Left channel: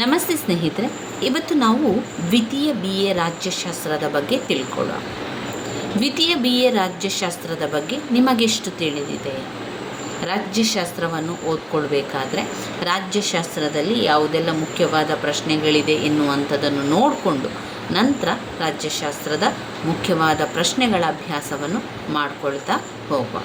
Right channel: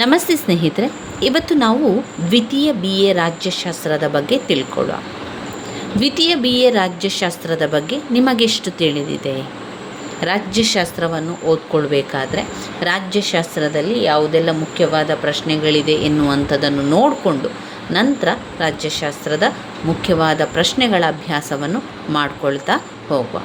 ನಮಸ್ತೆ ಸ್ನೇಹಿತರೆ, ಇವತ್ತು ನಾವು ದ್ವಿತೀಯ BA ರಾಜ್ಯಶಾಸ್ತ್ರದ ಬಗ್ಗೆ ತಿಳ್ಕೊಳ್ಳೋಣ. ದ್ವಿತೀಯ BA ರಾಜ್ಯಶಾಸ್ತ್ರದ ಬಗ್ಗೆ ನಿಮಗೆಷ್ಟು ತಿಳಿದಿದೆ? ರಾಜ್ಯಶಾಸ್ತ್ರವನ್ನು ಓದ್ಕೊಳ್ಬೇಕಾದ್ರೆ ರಾಜ್ಯಶಾಸ್ತ್ರದಲ್ಲಿ ಯಾವುದೆಲ್ಲ ಮುಖ್ಯವಾದ ಪ್ರಶ್ನೆಗಳಿದೆ ಎನ್ನುವಂಥದ್ದನ್ನು ನೋಡಿಕೊಂಡು ನಂತರ ರಾಜ್ಯಶಾಸ್ತ್ರದ ಮುಖ್ಯವಾದ ಪ್ರಶ್ನೆಗಳ ಅಭ್ಯಾಸವನ್ನು ಮಾಡಿಕೊಳ್ತಾ ಹೋಗುವ.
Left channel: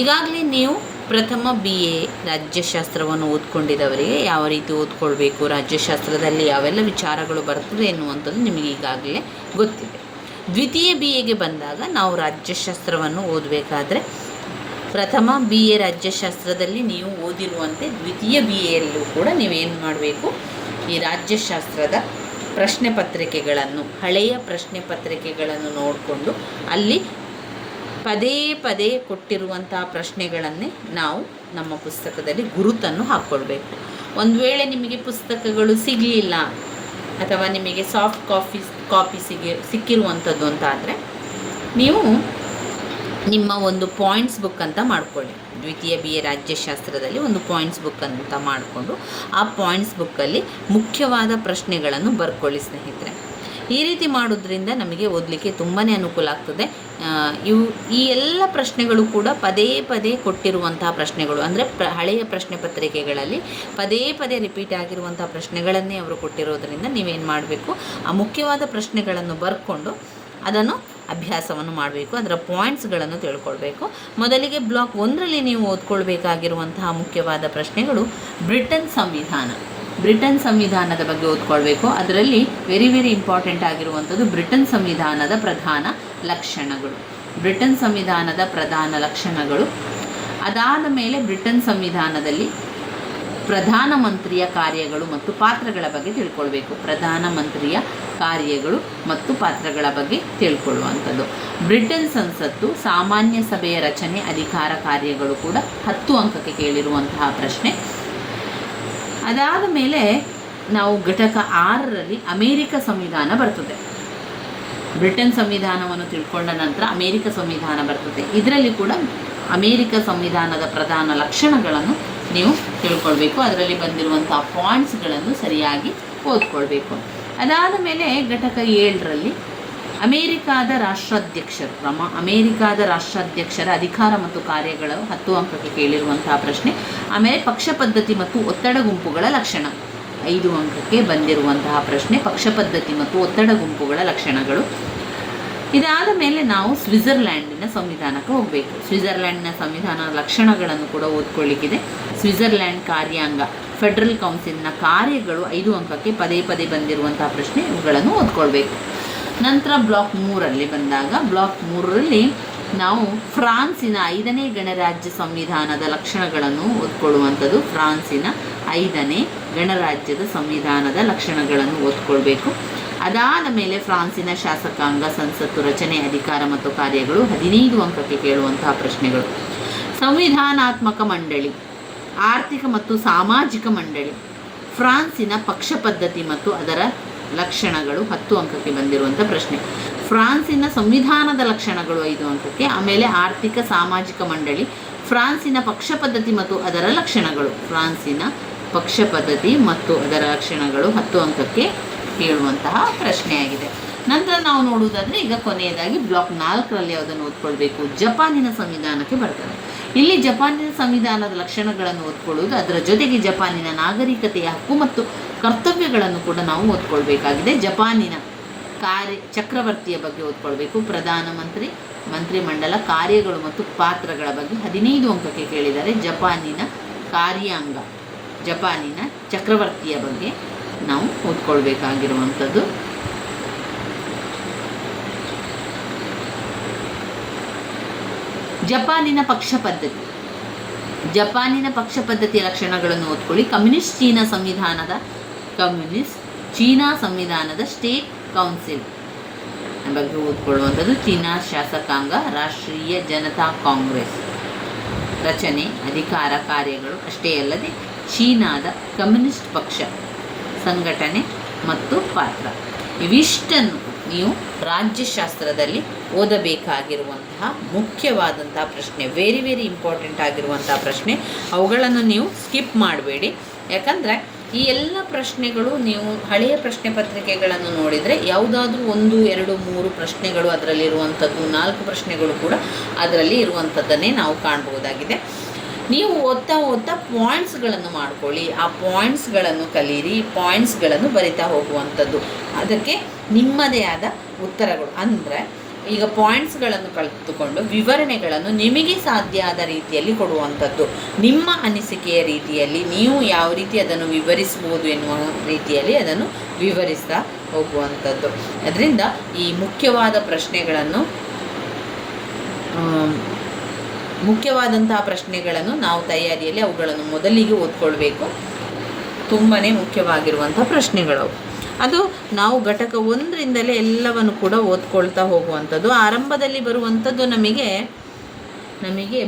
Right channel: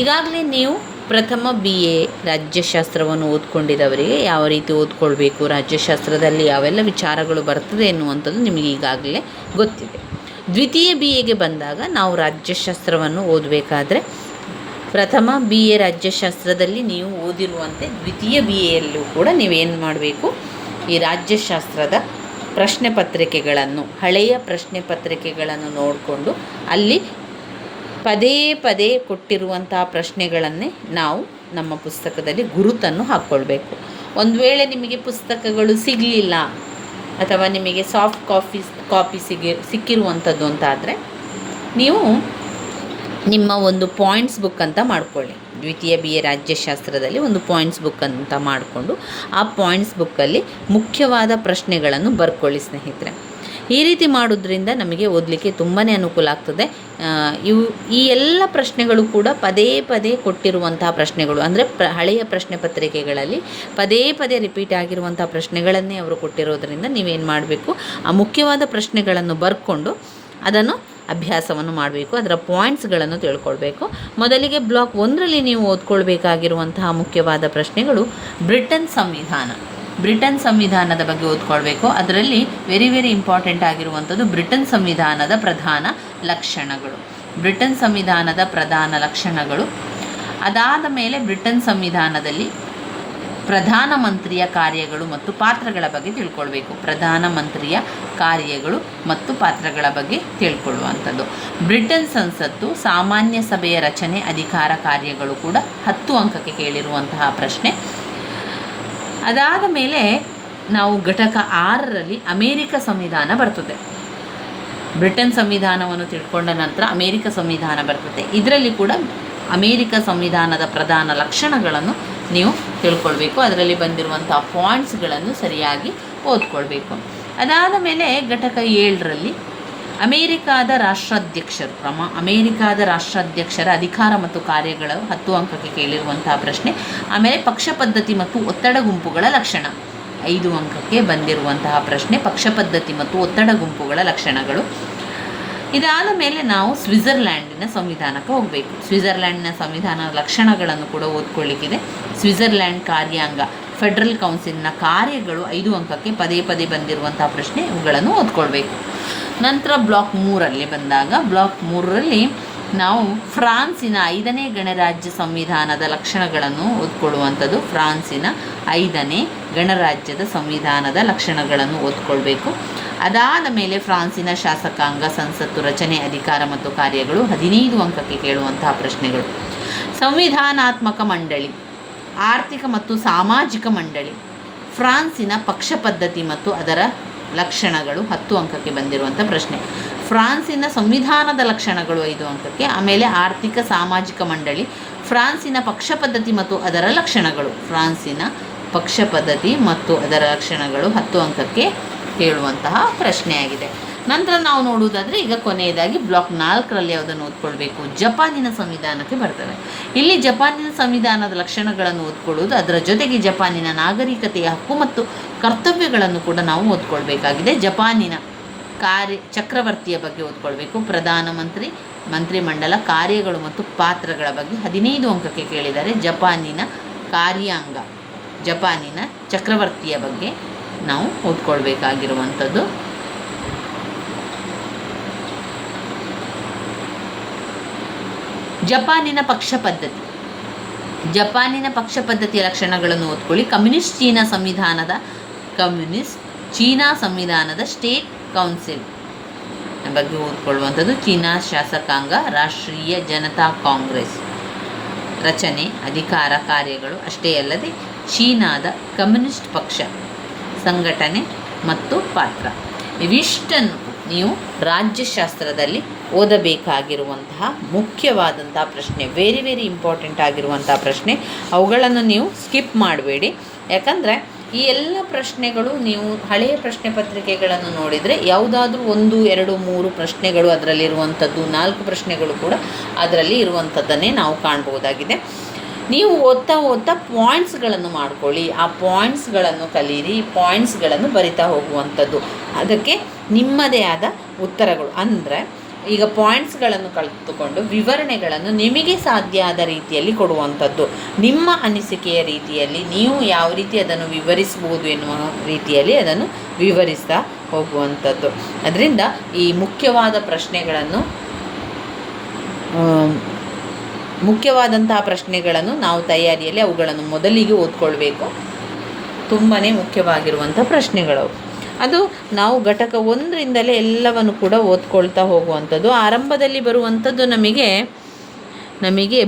ಈಗಾಗಲೇ ನೀವು ಪ್ರಥಮ BA ರಾಜ್ಯಶಾಸ್ತ್ರವನ್ನು ಓದ್ಕೊಂಡಿದ್ದವರಿಗೆ ಯಾವ ರೀತಿ ಓದ್ಕೊಳ್ಬೇಕು, ರಾಜ್ಯಶಾಸ್ತ್ರದಲ್ಲಿ ಯಾವೆಲ್ಲ ವಿಚಾರಗಳು ಬರ್ತದೆ ಎನ್ನುವಂಥದ್ದು ನಿಮಗೆ ಈಗಾಗಲೇ ಗೊತ್ತಿದೆ. ದ್ವಿತೀಯ BAಗೆ ಬಂದಾಗ ನಾವು ರಾಜ್ಯಶಾಸ್ತ್ರವನ್ನು ಓದಬೇಕಾದ್ರೆ ಪ್ರಥಮ BA ರಾಜ್ಯಶಾಸ್ತ್ರದಲ್ಲಿ ನೀವು ಓದಿರುವಂತೆ ದ್ವಿತೀಯ BAಯಲ್ಲೂ ಕೂಡ ನೀವೇನು ಮಾಡಬೇಕು, ಈ ರಾಜ್ಯಶಾಸ್ತ್ರದ ಪ್ರಶ್ನೆ ಪತ್ರಿಕೆಗಳನ್ನು, ಹಳೆಯ ಪ್ರಶ್ನೆ ಪತ್ರಿಕೆಗಳನ್ನು ನೋಡಿಕೊಂಡು ಅಲ್ಲಿ ಪದೇ ಪದೇ ಕೊಟ್ಟಿರುವಂತಹ ಪ್ರಶ್ನೆಗಳನ್ನೇ ನಾವು ನಮ್ಮ ಪುಸ್ತಕದಲ್ಲಿ ಗುರುತನ್ನು ಹಾಕ್ಕೊಳ್ಬೇಕು. ಒಂದು ವೇಳೆ ನಿಮಗೆ ಪುಸ್ತಕಗಳು ಸಿಗಲಿಲ್ಲ ಅಥವಾ ನಿಮಗೆ ಸಾಫ್ಟ್ ಕಾಪಿ ಸಿಕ್ಕಿರುವಂಥದ್ದು ಅಂತಾದರೆ ನೀವು ನಿಮ್ಮ ಒಂದು ಪಾಯಿಂಟ್ಸ್ ಬುಕ್ ಅಂತ ಮಾಡಿಕೊಳ್ಳಿ. ದ್ವಿತೀಯ BA ರಾಜ್ಯಶಾಸ್ತ್ರದಲ್ಲಿ ಒಂದು ಪಾಯಿಂಟ್ಸ್ ಬುಕ್ ಅಂತ ಮಾಡಿಕೊಂಡು ಆ ಪಾಯಿಂಟ್ಸ್ ಬುಕ್ಕಲ್ಲಿ ಮುಖ್ಯವಾದ ಪ್ರಶ್ನೆಗಳನ್ನು ಬರ್ಕೊಳ್ಳಿ ಸ್ನೇಹಿತರೆ. ಈ ರೀತಿ ಮಾಡೋದ್ರಿಂದ ನಮಗೆ ಓದಲಿಕ್ಕೆ ತುಂಬಾ ಅನುಕೂಲ ಆಗ್ತದೆ. ಈ ಎಲ್ಲ ಪ್ರಶ್ನೆಗಳು ಕೂಡ ಪದೇ ಪದೇ ಕೊಟ್ಟಿರುವಂತಹ ಪ್ರಶ್ನೆಗಳು, ಅಂದರೆ ಹಳೆಯ ಪ್ರಶ್ನೆ ಪತ್ರಿಕೆಗಳಲ್ಲಿ ಪದೇ ಪದೇ ರಿಪೀಟ್ ಆಗಿರುವಂಥ ಪ್ರಶ್ನೆಗಳನ್ನೇ ಅವರು ಕೊಟ್ಟಿರೋದ್ರಿಂದ ನೀವೇನು ಮಾಡಬೇಕು, ಆ ಮುಖ್ಯವಾದ ಪ್ರಶ್ನೆಗಳನ್ನು ಬರ್ಕೊಂಡು ಅದನ್ನು ಅಭ್ಯಾಸವನ್ನು ಮಾಡಬೇಕು, ಅದರ ಪಾಯಿಂಟ್ಸ್ಗಳನ್ನು ತಿಳ್ಕೊಳ್ಬೇಕು. ಮೊದಲಿಗೆ ಬ್ಲಾಕ್ 1ರಲ್ಲಿ ನೀವು ಓದ್ಕೊಳ್ಬೇಕಾಗಿರುವಂತಹ ಮುಖ್ಯವಾದ ಪ್ರಶ್ನೆಗಳು ಬ್ರಿಟನ್ ಸಂವಿಧಾನದ ಬಗ್ಗೆ ಓದ್ಕೊಳ್ಬೇಕು. ಅದರಲ್ಲಿ ವೆರಿ ಇಂಪಾರ್ಟೆಂಟ್ ಆಗಿರುವಂಥದ್ದು ಬ್ರಿಟನ್ ಸಂವಿಧಾನದ ಪ್ರಧಾನ ಲಕ್ಷಣಗಳು. ಅದಾದ ಮೇಲೆ ಬ್ರಿಟನ್ ಸಂವಿಧಾನದಲ್ಲಿ ಪ್ರಧಾನಮಂತ್ರಿಯ ಕಾರ್ಯಗಳು ಮತ್ತು ಪಾತ್ರಗಳ ಬಗ್ಗೆ ತಿಳ್ಕೊಳ್ಬೇಕು. ಪ್ರಧಾನಮಂತ್ರಿಯ ಕಾರ್ಯಗಳು ಮತ್ತು ಪಾತ್ರಗಳ ಬಗ್ಗೆ ತಿಳ್ಕೊಳ್ಳುವಂಥದ್ದು. ಬ್ರಿಟನ್ ಸಂಸತ್ತು, ಸಾಮಾನ್ಯ ಸಭೆಯ ರಚನೆ, ಅಧಿಕಾರ, ಕಾರ್ಯಗಳು ಕೂಡ 10 ಅಂಕಕ್ಕೆ ಕೇಳಿರುವಂತಹ ಪ್ರಶ್ನೆ. ಅದಾದ ಮೇಲೆ ನಾವು ಘಟಕ 6ರಲ್ಲಿ ಅಮೇರಿಕ ಸಂವಿಧಾನ ಬರ್ತದೆ. ಬ್ರಿಟನ್ ಸಂವಿಧಾನವನ್ನು ತಿಳ್ಕೊಂಡ ನಂತರ ಅಮೇರಿಕ ಸಂವಿಧಾನ ಬರ್ತದೆ. ಇದರಲ್ಲಿ ಕೂಡ ಅಮೇರಿಕ ಸಂವಿಧಾನದ ಪ್ರಧಾನ ಲಕ್ಷಣಗಳನ್ನು ನೀವು ತಿಳ್ಕೊಳ್ಬೇಕು. ಅದರಲ್ಲಿ ಬಂದಿರುವಂಥ ಪಾಯಿಂಟ್ಸ್ಗಳನ್ನು ಸರಿಯಾಗಿ ಓದ್ಕೊಳ್ಬೇಕು. ಅದಾದ ಮೇಲೆ ಘಟಕ 7ರಲ್ಲಿ ಅಮೇರಿಕಾದ ರಾಷ್ಟ್ರಾಧ್ಯಕ್ಷರ ಅಧಿಕಾರ ಮತ್ತು ಕಾರ್ಯಗಳು 10 ಅಂಕಕ್ಕೆ ಕೇಳಿರುವಂತಹ ಪ್ರಶ್ನೆ. ಆಮೇಲೆ ಪಕ್ಷ ಪದ್ಧತಿ ಮತ್ತು ಒತ್ತಡ ಗುಂಪುಗಳ ಲಕ್ಷಣ 5 ಅಂಕಕ್ಕೆ ಬಂದಿರುವಂತಹ ಪ್ರಶ್ನೆ. ಪಕ್ಷ ಪದ್ಧತಿ ಮತ್ತು ಒತ್ತಡ ಗುಂಪುಗಳ ಲಕ್ಷಣಗಳು. ಇದಾದ ಮೇಲೆ ನಾವು ಸ್ವಿಟ್ಜರ್ಲ್ಯಾಂಡಿನ ಸಂವಿಧಾನಕ್ಕೆ ಹೋಗಬೇಕು. ಸ್ವಿಟ್ಜರ್ಲ್ಯಾಂಡ್ನ ಸಂವಿಧಾನದ ಲಕ್ಷಣಗಳನ್ನು ಕೂಡ ಓದ್ಕೊಳ್ಳಿಕ್ಕಿದೆ. ಸ್ವಿಟ್ಜರ್ಲ್ಯಾಂಡ್ ಕಾರ್ಯಾಂಗ, ಫೆಡರಲ್ ಕೌನ್ಸಿಲ್ನ ಕಾರ್ಯಗಳು 5 ಅಂಕಕ್ಕೆ ಪದೇ ಪದೇ ಬಂದಿರುವಂತಹ ಪ್ರಶ್ನೆ. ಇವುಗಳನ್ನು ಓದ್ಕೊಳ್ಬೇಕು. ನಂತರ ಬ್ಲಾಕ್ 3ರಲ್ಲಿ ಬಂದಾಗ ಬ್ಲಾಕ್ 3ರಲ್ಲಿ ನಾವು ಫ್ರಾನ್ಸಿನ 5ನೇ ಗಣರಾಜ್ಯ ಸಂವಿಧಾನದ ಲಕ್ಷಣಗಳನ್ನು ಓದ್ಕೊಳ್ಳುವಂಥದ್ದು. ಫ್ರಾನ್ಸಿನ 5ನೇ ಗಣರಾಜ್ಯದ ಸಂವಿಧಾನದ ಲಕ್ಷಣಗಳನ್ನು ಓದ್ಕೊಳ್ಬೇಕು. ಅದಾದ ಮೇಲೆ ಫ್ರಾನ್ಸಿನ ಶಾಸಕಾಂಗ, ಸಂಸತ್ತು, ರಚನೆ, ಅಧಿಕಾರ ಮತ್ತು ಕಾರ್ಯಗಳು 15 ಅಂಕಕ್ಕೆ ಕೇಳುವಂತಹ ಪ್ರಶ್ನೆಗಳು. ಸಂವಿಧಾನಾತ್ಮಕ ಮಂಡಳಿ, ಆರ್ಥಿಕ ಮತ್ತು ಸಾಮಾಜಿಕ ಮಂಡಳಿ, ಫ್ರಾನ್ಸಿನ ಪಕ್ಷ ಪದ್ಧತಿ ಮತ್ತು ಅದರ ಲಕ್ಷಣಗಳು 10 ಅಂಕಕ್ಕೆ ಬಂದಿರುವಂಥ ಪ್ರಶ್ನೆ. ಫ್ರಾನ್ಸಿನ ಸಂವಿಧಾನದ ಲಕ್ಷಣಗಳು 5 ಅಂಕಕ್ಕೆ. ಆಮೇಲೆ ಆರ್ಥಿಕ ಸಾಮಾಜಿಕ ಮಂಡಳಿ, ಫ್ರಾನ್ಸಿನ ಪಕ್ಷ ಪದ್ಧತಿ ಮತ್ತು ಅದರ ಲಕ್ಷಣಗಳು, ಫ್ರಾನ್ಸಿನ ಪಕ್ಷ ಪದ್ಧತಿ ಮತ್ತು ಅದರ ಲಕ್ಷಣಗಳು 10 ಅಂಕಕ್ಕೆ ಕೇಳುವಂತಹ ಪ್ರಶ್ನೆಯಾಗಿದೆ. ನಂತರ ನಾವು ನೋಡುವುದಾದರೆ ಈಗ ಕೊನೆಯದಾಗಿ ಬ್ಲಾಕ್ 4ರಲ್ಲಿ ಯಾವುದನ್ನು ಓದ್ಕೊಳ್ಬೇಕು, ಜಪಾನಿನ ಸಂವಿಧಾನಕ್ಕೆ ಬರ್ತವೆ. ಇಲ್ಲಿ ಜಪಾನಿನ ಸಂವಿಧಾನದ ಲಕ್ಷಣಗಳನ್ನು ಓದ್ಕೊಳ್ಳುವುದು, ಅದರ ಜೊತೆಗೆ ಜಪಾನಿನ ನಾಗರಿಕತೆಯ ಹಕ್ಕು ಮತ್ತು ಕರ್ತವ್ಯಗಳನ್ನು ಕೂಡ ನಾವು ಓದ್ಕೊಳ್ಬೇಕಾಗಿದೆ. ಜಪಾನಿನ ಚಕ್ರವರ್ತಿಯ ಬಗ್ಗೆ ಓದ್ಕೊಳ್ಬೇಕು. ಪ್ರಧಾನಮಂತ್ರಿ, ಮಂತ್ರಿಮಂಡಲ, ಕಾರ್ಯಗಳು ಮತ್ತು ಪಾತ್ರಗಳ ಬಗ್ಗೆ 15 ಅಂಕಕ್ಕೆ ಕೇಳಿದ್ದಾರೆ. ಜಪಾನಿನ ಕಾರ್ಯಾಂಗ, ಜಪಾನಿನ ಚಕ್ರವರ್ತಿಯ ಬಗ್ಗೆ ನಾವು ಓದ್ಕೊಳ್ಬೇಕಾಗಿರುವಂಥದ್ದು. ಜಪಾನಿನ ಪಕ್ಷ ಪದ್ಧತಿಯ ಲಕ್ಷಣಗಳನ್ನು ಓದ್ಕೊಳ್ಳಿ. ಕಮ್ಯುನಿಸ್ಟ್ ಚೀನಾ ಸಂವಿಧಾನದ ಸ್ಟೇಟ್ ಕೌನ್ಸಿಲ್ ಬಗ್ಗೆ ಓದ್ಕೊಳ್ಳುವಂಥದ್ದು. ಚೀನಾ ಶಾಸಕಾಂಗ, ರಾಷ್ಟ್ರೀಯ ಜನತಾ ಕಾಂಗ್ರೆಸ್, ರಚನೆ, ಅಧಿಕಾರ, ಕಾರ್ಯಗಳು ಅಷ್ಟೇ ಅಲ್ಲದೆ ಚೀನಾದ ಕಮ್ಯುನಿಸ್ಟ್ ಪಕ್ಷ, ಸಂಘಟನೆ ಮತ್ತು ಪಾತ್ರ. ಇವಿಷ್ಟನ್ನು ನೀವು ರಾಜ್ಯಶಾಸ್ತ್ರದಲ್ಲಿ ಓದಬೇಕಾಗಿರುವಂತಹ ಮುಖ್ಯವಾದಂತಹ ಪ್ರಶ್ನೆ, ವೆರಿ ಇಂಪಾರ್ಟೆಂಟ್ ಆಗಿರುವಂತಹ ಪ್ರಶ್ನೆ. ಅವುಗಳನ್ನು ನೀವು ಸ್ಕಿಪ್ ಮಾಡಬೇಡಿ. ಯಾಕಂದರೆ ಈ ಎಲ್ಲ ಪ್ರಶ್ನೆಗಳು ನೀವು ಹಳೆಯ ಪ್ರಶ್ನೆ ಪತ್ರಿಕೆಗಳನ್ನು ನೋಡಿದರೆ ಯಾವುದಾದ್ರೂ 1, 2, 3 ಪ್ರಶ್ನೆಗಳು ಅದರಲ್ಲಿರುವಂಥದ್ದು, 4 ಪ್ರಶ್ನೆಗಳು ಕೂಡ ಅದರಲ್ಲಿ ಇರುವಂಥದ್ದನ್ನೇ ನಾವು ಕಾಣಬಹುದಾಗಿದೆ. ನೀವು ಓದ್ತಾ ಪಾಯಿಂಟ್ಸ್ಗಳನ್ನು ಮಾಡ್ಕೊಳ್ಳಿ, ಆ ಪಾಯಿಂಟ್ಸ್ಗಳನ್ನು ಕಲೀರಿ, ಪಾಯಿಂಟ್ಸ್ಗಳನ್ನು ಬರಿತಾ ಹೋಗುವಂಥದ್ದು. ಅದಕ್ಕೆ ನಿಮ್ಮದೇ ಆದ ಉತ್ತರಗಳು ಅಂದರೆ ಈಗ ಪಾಯಿಂಟ್ಸ್ಗಳನ್ನು ಕಲಿತುಕೊಂಡು ವಿವರಣೆಗಳನ್ನು ನಿಮಗೆ ಸಾಧ್ಯ ಆದ ರೀತಿಯಲ್ಲಿ ಕೊಡುವಂಥದ್ದು, ನಿಮ್ಮ ಅನಿಸಿಕೆಯ ರೀತಿಯಲ್ಲಿ ನೀವು ಯಾವ ರೀತಿ ಅದನ್ನು ವಿವರಿಸ್ಬೋದು ಎನ್ನುವ ರೀತಿಯಲ್ಲಿ ಅದನ್ನು ವಿವರಿಸ್ತಾ ಹೋಗುವಂಥದ್ದು. ಅದರಿಂದ ಈ ಮುಖ್ಯವಾದಂತಹ ಪ್ರಶ್ನೆಗಳನ್ನು ನಾವು ತಯಾರಿಯಲ್ಲಿ ಅವುಗಳನ್ನು ಮೊದಲಿಗೆ ಓದ್ಕೊಳ್ಬೇಕು. ತುಂಬಾ ಮುಖ್ಯವಾಗಿರುವಂಥ ಪ್ರಶ್ನೆಗಳವು. ಅದು ನಾವು ಘಟಕ 1ರಿಂದಲೇ ಎಲ್ಲವನ್ನು ಕೂಡ ಓದ್ಕೊಳ್ತಾ ಹೋಗುವಂಥದ್ದು. ಆರಂಭದಲ್ಲಿ ಬರುವಂಥದ್ದು ನಮಗೆ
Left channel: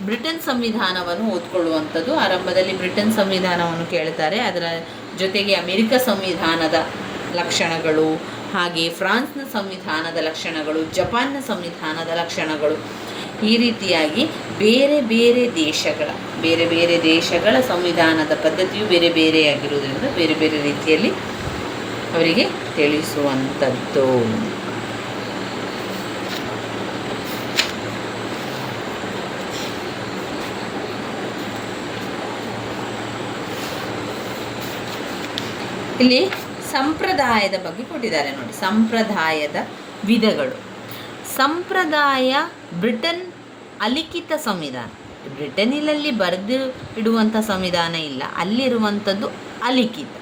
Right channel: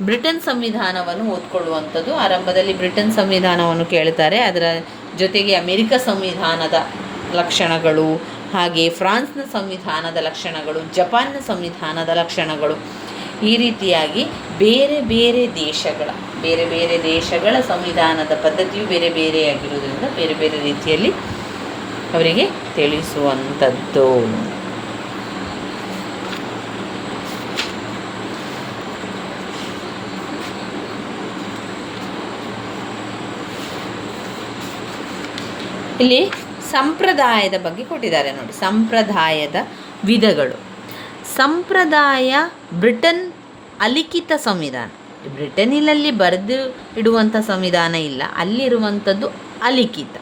ಬ್ರಿಟನ್ ಸಂವಿಧಾನವನ್ನು ಓದ್ಕೊಳ್ಳುವಂಥದ್ದು. ಆರಂಭದಲ್ಲಿ ಬ್ರಿಟನ್ ಸಂವಿಧಾನವನ್ನು ಕೇಳ್ತಾರೆ. ಅದರ ಜೊತೆಗೆ ಅಮೆರಿಕ ಸಂವಿಧಾನದ ಲಕ್ಷಣಗಳು, ಹಾಗೆ ಫ್ರಾನ್ಸ್ನ ಸಂವಿಧಾನದ ಲಕ್ಷಣಗಳು, ಜಪಾನ್ನ ಸಂವಿಧಾನದ ಲಕ್ಷಣಗಳು, ಈ ರೀತಿಯಾಗಿ ಬೇರೆ ಬೇರೆ ದೇಶಗಳ ಸಂವಿಧಾನದ ಪದ್ಧತಿಯು ಬೇರೆ ಬೇರೆಯಾಗಿರುವುದರಿಂದ ಬೇರೆ ಬೇರೆ ರೀತಿಯಲ್ಲಿ ಅವರಿಗೆ ತಿಳಿಸುವಂಥದ್ದು. ಇಲ್ಲಿ ಸಂಪ್ರದಾಯದ ಬಗ್ಗೆ ಕೊಟ್ಟಿದ್ದಾರೆ ನೋಡಿ. ಸಂಪ್ರದಾಯದ ವಿಧಗಳು. ಸಂಪ್ರದಾಯ ಬ್ರಿಟನ್ ಅಲಿಖಿತ ಸಂವಿಧಾನ. ಬ್ರಿಟನ್ನಿನಲ್ಲಿ ಬರೆದು ಇಡುವಂಥ ಸಂವಿಧಾನ ಇಲ್ಲ, ಅಲ್ಲಿರುವಂಥದ್ದು ಅಲಿಖಿತ.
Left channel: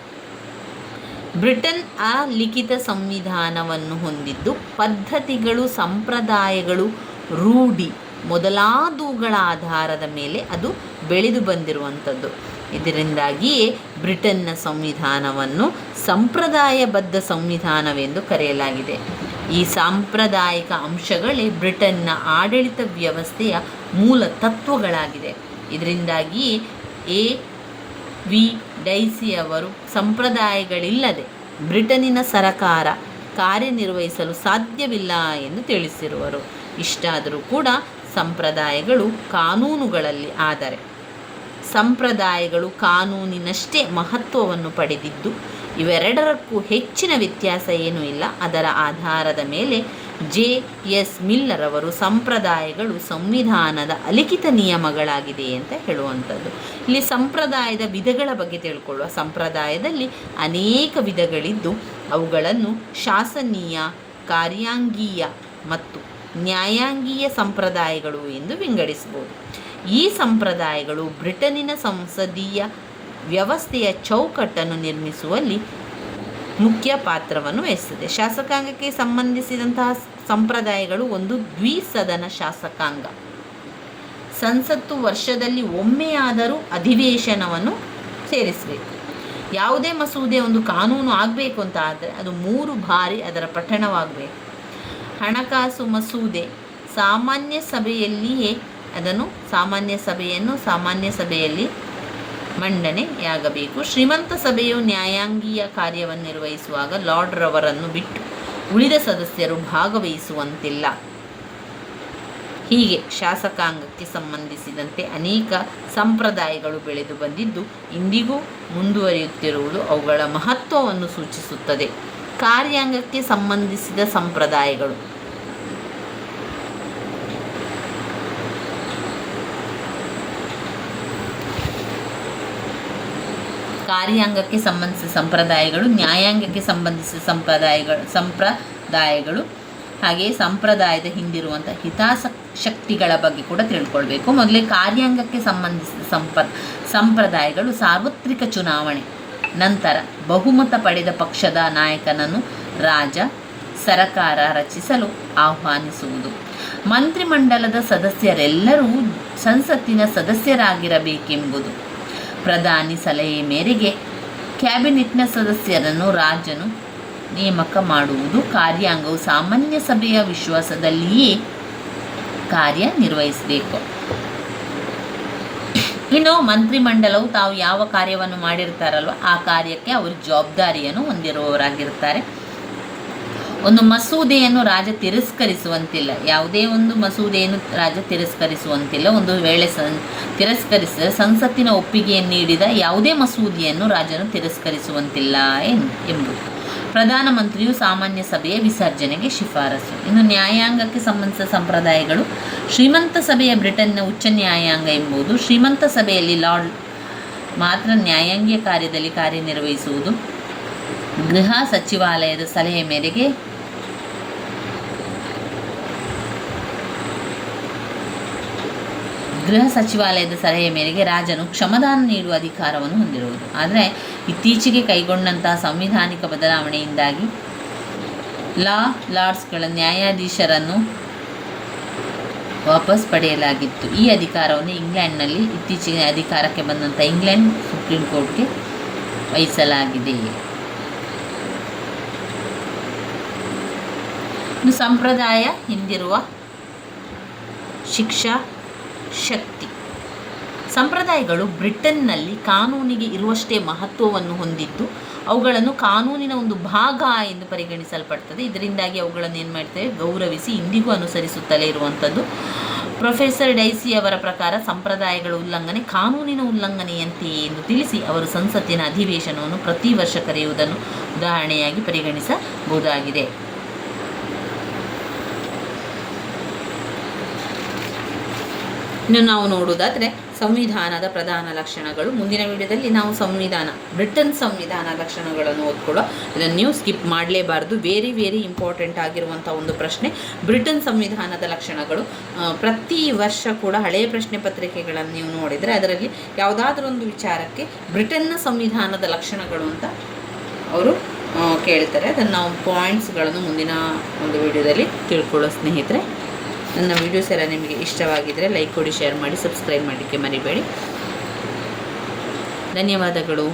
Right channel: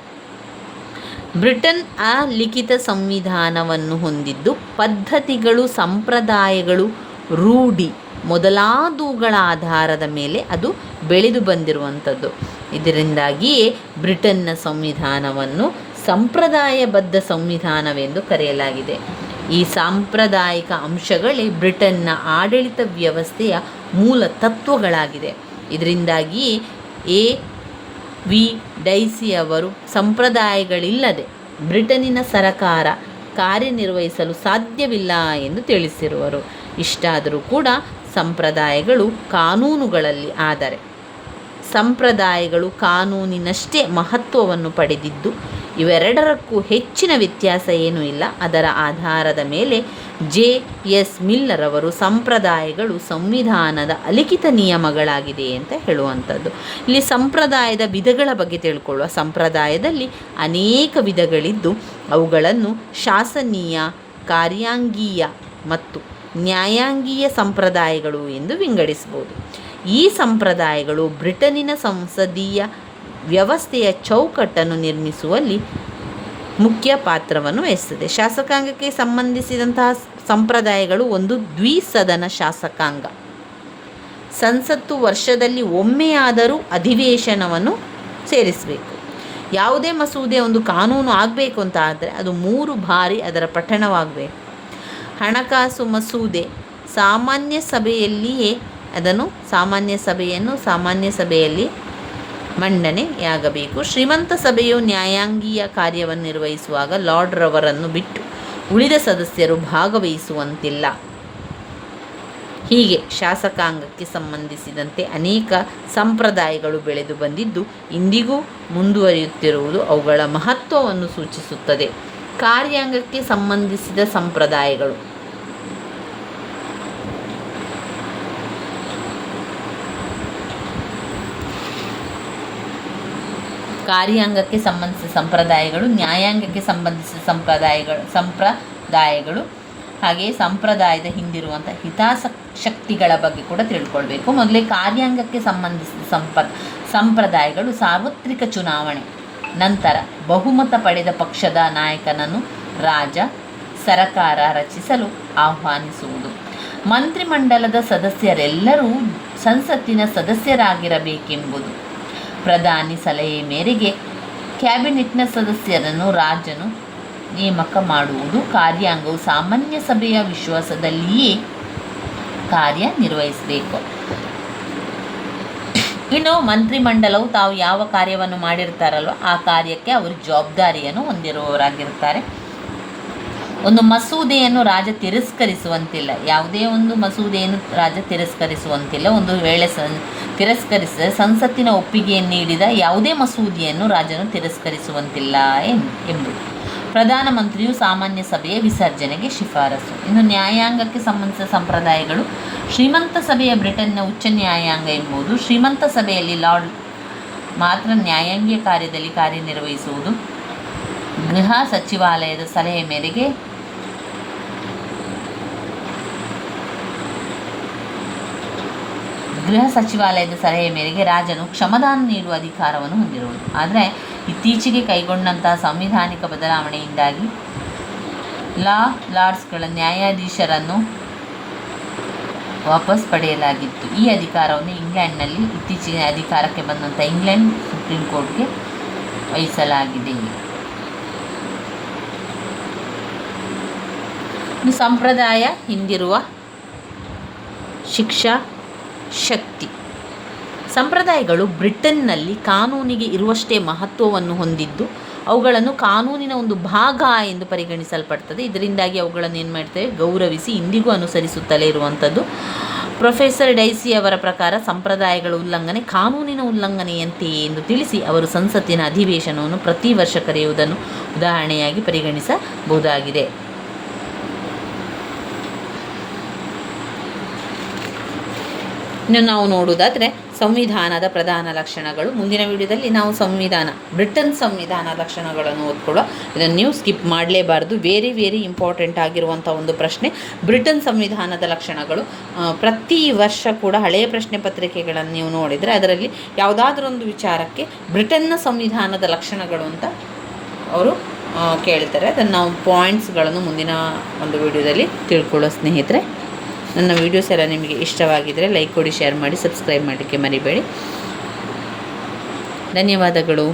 ಬ್ರಿಟನ್ ಅಲಿಖಿತ ಸಂವಿಧಾನವನ್ನು ಹೊಂದಿದ್ದು ಪದ್ಧತಿಗಳು, ಸಂಪ್ರದಾಯಗಳು, ರೂಢಿ ಮೊದಲಾದವುಗಳ ಆಧಾರದ ಮೇಲೆ ಅದು ಬೆಳೆದು ಬಂದಿರುವಂಥದ್ದು. ಇದರಿಂದಾಗಿಯೇ ಬ್ರಿಟನ್ನ ಸಂವಿಧಾನವನ್ನು ಸಂಪ್ರದಾಯಬದ್ಧ ಸಂವಿಧಾನವೆಂದು ಕರೆಯಲಾಗಿದೆ. ಈ ಸಾಂಪ್ರದಾಯಿಕ ಅಂಶಗಳೇ ಬ್ರಿಟನ್ನ ಆಡಳಿತ ವ್ಯವಸ್ಥೆಯ ಮೂಲ ತತ್ವಗಳಾಗಿದೆ. ಇದರಿಂದಾಗಿ A.V. ಡೈಸಿ ಅವರು ಸಂಪ್ರದಾಯಗಳಿಲ್ಲದೆ ಬ್ರಿಟನ್ನಿನ ಸರಕಾರ ಕಾರ್ಯನಿರ್ವಹಿಸಲು ಸಾಧ್ಯವಿಲ್ಲ ಎಂದು ತಿಳಿಸಿರುವರು. ಇಷ್ಟಾದರೂ ಕೂಡ ಸಂಪ್ರದಾಯಗಳು ಕಾನೂನುಗಳಲ್ಲಿ, ಆದರೆ ಸಂಪ್ರದಾಯಗಳು ಕಾನೂನಿನಷ್ಟೇ ಮಹತ್ವವನ್ನು ಪಡೆದಿದ್ದು ಇವೆರಡರಕ್ಕೂ ಹೆಚ್ಚಿನ ವ್ಯತ್ಯಾಸ ಏನೂ ಇಲ್ಲ. ಅದರ ಆಧಾರದ ಮೇಲೆ J.S. ಮಿಲ್ಲರ್ ಅವರು ಸಂಪ್ರದಾಯಗಳು ಸಂವಿಧಾನದ ಅಲಿಖಿತ ನಿಯಮಗಳಾಗಿದೆ ಅಂತ ಹೇಳುವಂಥದ್ದು. ಇಲ್ಲಿ ಸಂಪ್ರದಾಯದ ವಿಧಗಳ ಬಗ್ಗೆ ತಿಳ್ಕೊಳ್ಳುವ. ಸಂಪ್ರದಾಯದಲ್ಲಿ ಅನೇಕ ವಿಧಗಳಿದ್ದು ಅವುಗಳನ್ನು ಶಾಸನೀಯ, ಕಾರ್ಯಾಂಗೀಯ ಮತ್ತು ನ್ಯಾಯಾಂಗೀಯ ಸಂಪ್ರದಾಯಗಳು ಎಂದು ವಿಂಗಡಿಸಬಹುದು. ಈ ಸಂಪ್ರದಾಯಗಳು ಬ್ರಿಟನ್ನಿನ ಸಂಸದೀಯ ವ್ಯವಸ್ಥೆಯ ಚೌಕಟ್ಟನ್ನು ನಿರ್ಮಿಸುವಲ್ಲಿ ಮುಖ್ಯ ಪಾತ್ರವನ್ನು ವಹಿಸುತ್ತದೆ. ಶಾಸಕಾಂಗಕ್ಕೆ ಸಂಬಂಧಿಸಿದಂತಹ ಸಂಪ್ರದಾಯಗಳು ಒಂದು ದ್ವಿಸದನ ಶಾಸಕಾಂಗ. ಸಂಸತ್ತು ವರ್ಷದಲ್ಲಿ ಒಮ್ಮೆಯಾದರೂ ಅಧಿವೇಶನವನ್ನು ಸೇರಿಸಬೇಕು. ಯಾವುದೇ ಮಸೂದೆ ಒಂದು ಕಾನೂನು ಆಗಬೇಕು ಅಂತ ಆದರೆ ಅದು 3 ಬಾರಿ ಅದರ ಪಠಣವಾಗಬೇಕು. ಹಣಕಾಸು ಮಸೂದೆ ಸಾಮಾನ್ಯ ಸಭೆಯಲ್ಲಿಯೇ ಸಾಮಾನ್ಯ ಸಭೆಯಲ್ಲಿ ಮಂಡನೆಯಾಗಬೇಕು. ಶ್ರೀಮಂತ ಸಭೆಯು ನ್ಯಾಯಾಂಗೀಯ ಕಾರ್ಯವನ್ನು ನಿರ್ವಹಿಸುವಾಗ ಲಾರ್ಡ್ರವರನ್ನು ಬಿಟ್ಟು ಉಳಿದ ಸದಸ್ಯರು ಭಾಗವಹಿಸುವಂತಿಲ್ಲ. ಹೀಗೆ ಶಾಸಕಾಂಗಕ್ಕೆ ಸಂಬಂಧಿಸಿದಂತೆ ಅನೇಕ ಸಂಪ್ರದಾಯಗಳು ಬೆಳೆದು ಬಂದಿದ್ದು ಇಂದಿಗೂ ಮುಂದುವರಿಯುತ್ತಿರುವುದು ಅವುಗಳ ಮಹತ್ವವನ್ನು ಸೂಚಿಸುತ್ತದೆ. ಕಾರ್ಯಾಂಗಕ್ಕೆ ಸಂಬಂಧಿಸಿದ ಸಂಪ್ರದಾಯಗಳು. ಕಾರ್ಯಾಂಗಕ್ಕೆ ಸಂಬಂಧಿಸಿದ ಸಂಪ್ರದಾಯಗಳು, ನ್ಯಾಯಾಂಗಕ್ಕೆ ಸಂಬಂಧಿಸಿದ ಸಂಪ್ರದಾಯಗಳು ಹಾಗೆಯೇ ಸಂಪ್ರದಾಯದ ಹಿಂದಿರುವಂಥ ಹಿತಾಸಕ್ತಿಗಳ ಬಗ್ಗೆ ಕೂಡ ತಿಳ್ಕೊಳ್ಬೇಕು. ಮೊದಲೇ ಕಾರ್ಯಾಂಗಕ್ಕೆ ಸಂಬಂಧಿಸಿದ ಸಂಪ್ರದಾಯಗಳು ಸಾರ್ವತ್ರಿಕ ಚುನಾವಣೆ ನಂತರ ಬಹುಮತ ಪಡೆದ ಪಕ್ಷದ ನಾಯಕನನ್ನು ರಾಜ ಸರಕಾರ ರಚಿಸಲು ಆಹ್ವಾನಿಸುವುದು. ಮಂತ್ರಿಮಂಡಲದ ಸದಸ್ಯರೆಲ್ಲರೂ ಸಂಸತ್ತಿನ ಸದಸ್ಯರಾಗಿರಬೇಕೆಂಬುದು. ಪ್ರಧಾನಿ ಸಲಹೆ ಮೇರೆಗೆ ಕ್ಯಾಬಿನೆಟ್ನ ಸದಸ್ಯರನ್ನು ರಾಜನು ನೇಮಕ ಮಾಡುವುದು. ಕಾರ್ಯಾಂಗವು ಸಾಮಾನ್ಯ ಸಭೆಯ ವಿಶ್ವಾಸದಲ್ಲಿಯೇ ಕಾರ್ಯನಿರ್ವಹಿಸಬೇಕು. ಇನ್ನು ಮಂತ್ರಿಮಂಡಲವು ತಾವು ಯಾವ ಕಾರ್ಯವನ್ನು ಮಾಡಿರ್ತಾರಲ್ವ ಆ ಕಾರ್ಯಕ್ಕೆ ಅವರು ಜವಾಬ್ದಾರಿಯನ್ನು ಹೊಂದಿರುವವರಾಗಿರ್ತಾರೆ. ಒಂದು ಮಸೂದೆಯನ್ನು ರಾಜ ತಿರಸ್ಕರಿಸುವಂತಿಲ್ಲ. ಯಾವುದೇ ಒಂದು ಮಸೂದೆಯನ್ನು ರಾಜ ತಿರಸ್ಕರಿಸುವಂತಿಲ್ಲ. ಒಂದು ವೇಳೆ ತಿರಸ್ಕರಿಸಿದರೆ ಸಂಸತ್ತಿನ ಒಪ್ಪಿಗೆಯನ್ನು ನೀಡಿದ ಯಾವುದೇ ಮಸೂದೆಯನ್ನು ರಾಜನು ತಿರಸ್ಕರಿಸುವಂತಿಲ್ಲ ಎಂಬುದು. ಪ್ರಧಾನಮಂತ್ರಿಯು ಸಾಮಾನ್ಯ ಸಭೆಯ ವಿಸರ್ಜನೆಗೆ ಶಿಫಾರಸು. ಇನ್ನು ನ್ಯಾಯಾಂಗಕ್ಕೆ ಸಂಬಂಧಿಸಿದ ಸಂಪ್ರದಾಯಗಳು. ಶ್ರೀಮಂತ ಸಭೆಯ ಬ್ರಿಟನ್ನ ಉಚ್ಚ ನ್ಯಾಯಾಂಗ ಎಂಬುದು ಶ್ರೀಮಂತ ಸಭೆಯಲ್ಲಿ ಲಾರ್ಡ್ ಮಾತ್ರ ನ್ಯಾಯಾಂಗೀಯ ಕಾರ್ಯದಲ್ಲಿ ಕಾರ್ಯನಿರ್ವಹಿಸುವುದು. ಗೃಹ ಸಚಿವಾಲಯದ ಸಲಹೆ ಮೇರೆಗೆ ರಾಜನು ಕ್ಷಮದಾನ ನೀಡುವ ಅಧಿಕಾರವನ್ನು ಹೊಂದಿರುವುದು. ಆದರೆ ಇತ್ತೀಚೆಗೆ ಕೈಗೊಂಡಂತಹ ಸಂವಿಧಾನಿಕ ಬದಲಾವಣೆಯಿಂದಾಗಿ ಲಾರ್ಡ್ಸ್ಗಳ ನ್ಯಾಯಾಧೀಶರನ್ನು ವಾಪಸ್ ಪಡೆಯಲಾಗಿತ್ತು. ಈ ಅಧಿಕಾರವನ್ನು ಇಂಗ್ಲೆಂಡ್ನಲ್ಲಿ ಇತ್ತೀಚೆಗೆ ಅಧಿಕಾರಕ್ಕೆ ಬಂದಂಥ ಇಂಗ್ಲೆಂಡ್ ಸುಪ್ರೀಂ ಕೋರ್ಟ್ಗೆ ವಹಿಸಲಾಗಿದೆ. ಸಂಪ್ರದಾಯ ಹಿಂದಿರುವ ಶಿಕ್ಷಾ ಶಕ್ತಿ. ಸಂಪ್ರದಾಯಗಳು ಬ್ರಿಟನ್ನಲ್ಲಿ ಕಾನೂನಿಗೆ ಇರುವಷ್ಟೇ ಮಹತ್ವವನ್ನು ಹೊಂದಿದ್ದು ಅವುಗಳನ್ನು ಕಾನೂನಿನ ಒಂದು ಭಾಗ ಎಂದು ಪರಿಗಣಿಸಲ್ಪಡ್ತದೆ. ಇದರಿಂದಾಗಿ ಅವುಗಳನ್ನು ಏನು ಮಾಡ್ತೇವೆ, ಗೌರವಿಸಿ ಇಂದಿಗೂ ಅನುಸರಿಸುತ್ತಲೇ ಇರುವಂಥದ್ದು. ಪ್ರೊಫೆಸರ್ ಡೈಸಿ ಅವರ ಪ್ರಕಾರ ಸಂಪ್ರದಾಯಗಳ ಉಲ್ಲಂಘನೆ ಕಾನೂನಿನ ಉಲ್ಲಂಘನೆಯಂತೆಯೇ ಎಂದು ತಿಳಿಸಿ ಅವರು ಸಂಸತ್ತಿನ ಅಧಿವೇಶನವನ್ನು ಪ್ರತಿ ವರ್ಷ ಕರೆಯುವುದನ್ನು ಉದಾಹರಣೆಯಾಗಿ ಪರಿಗಣಿಸಬಹುದಾಗಿದೆ. ಇನ್ನು ನಾವು ನೋಡುವುದಾದರೆ ಸಂವಿಧಾನದ ಪ್ರಧಾನ ಲಕ್ಷಣಗಳು. ಮುಂದಿನ ವಿಡಿಯೋದಲ್ಲಿ ನಾವು ಬ್ರಿಟನ್ ಸಂವಿಧಾನ ಲಕ್ಷಣಗಳನ್ನು ಓದ್ಕೊಳ್ಳೋ. ಇದನ್ನು ನೀವು ಸ್ಕಿಪ್ ಮಾಡಲೇಬಾರ್ದು. ವೆರಿ ಇಂಪಾರ್ಟೆಂಟ್ ಆಗಿರುವಂಥ ಒಂದು ಪ್ರಶ್ನೆ. ಬ್ರಿಟನ್ ಸಂವಿಧಾನದ ಲಕ್ಷಣಗಳು. ಪ್ರತಿ ವರ್ಷ ಕೂಡ ಹಳೆಯ ಪ್ರಶ್ನೆ ಪತ್ರಿಕೆಗಳನ್ನು ನೀವು ನೋಡಿದರೆ ಅದರಲ್ಲಿ ಯಾವುದಾದ್ರೂ ಒಂದು ವಿಚಾರಕ್ಕೆ ಬ್ರಿಟನ್ನ ಸಂವಿಧಾನದ ಲಕ್ಷಣಗಳು ಅಂತ ಅವರು ಕೇಳ್ತಾರೆ. ಅದನ್ನು ನಾವು ಪಾಯಿಂಟ್ಸ್ಗಳನ್ನು ಮುಂದಿನ ಒಂದು ವಿಡಿಯೋದಲ್ಲಿ ತಿಳ್ಕೊಳ್ಳೋ ಸ್ನೇಹಿತರೆ. ನನ್ನ ವೀಡಿಯೋಸ್ ಎಲ್ಲ ನಿಮಗೆ ಇಷ್ಟವಾಗಿದ್ದರೆ ಲೈಕ್ ಕೊಡಿ, ಶೇರ್ ಮಾಡಿ, ಸಬ್ಸ್ಕ್ರೈಬ್ ಮಾಡಲಿಕ್ಕೆ ಮರಿಬೇಡಿ. ಧನ್ಯವಾದಗಳು.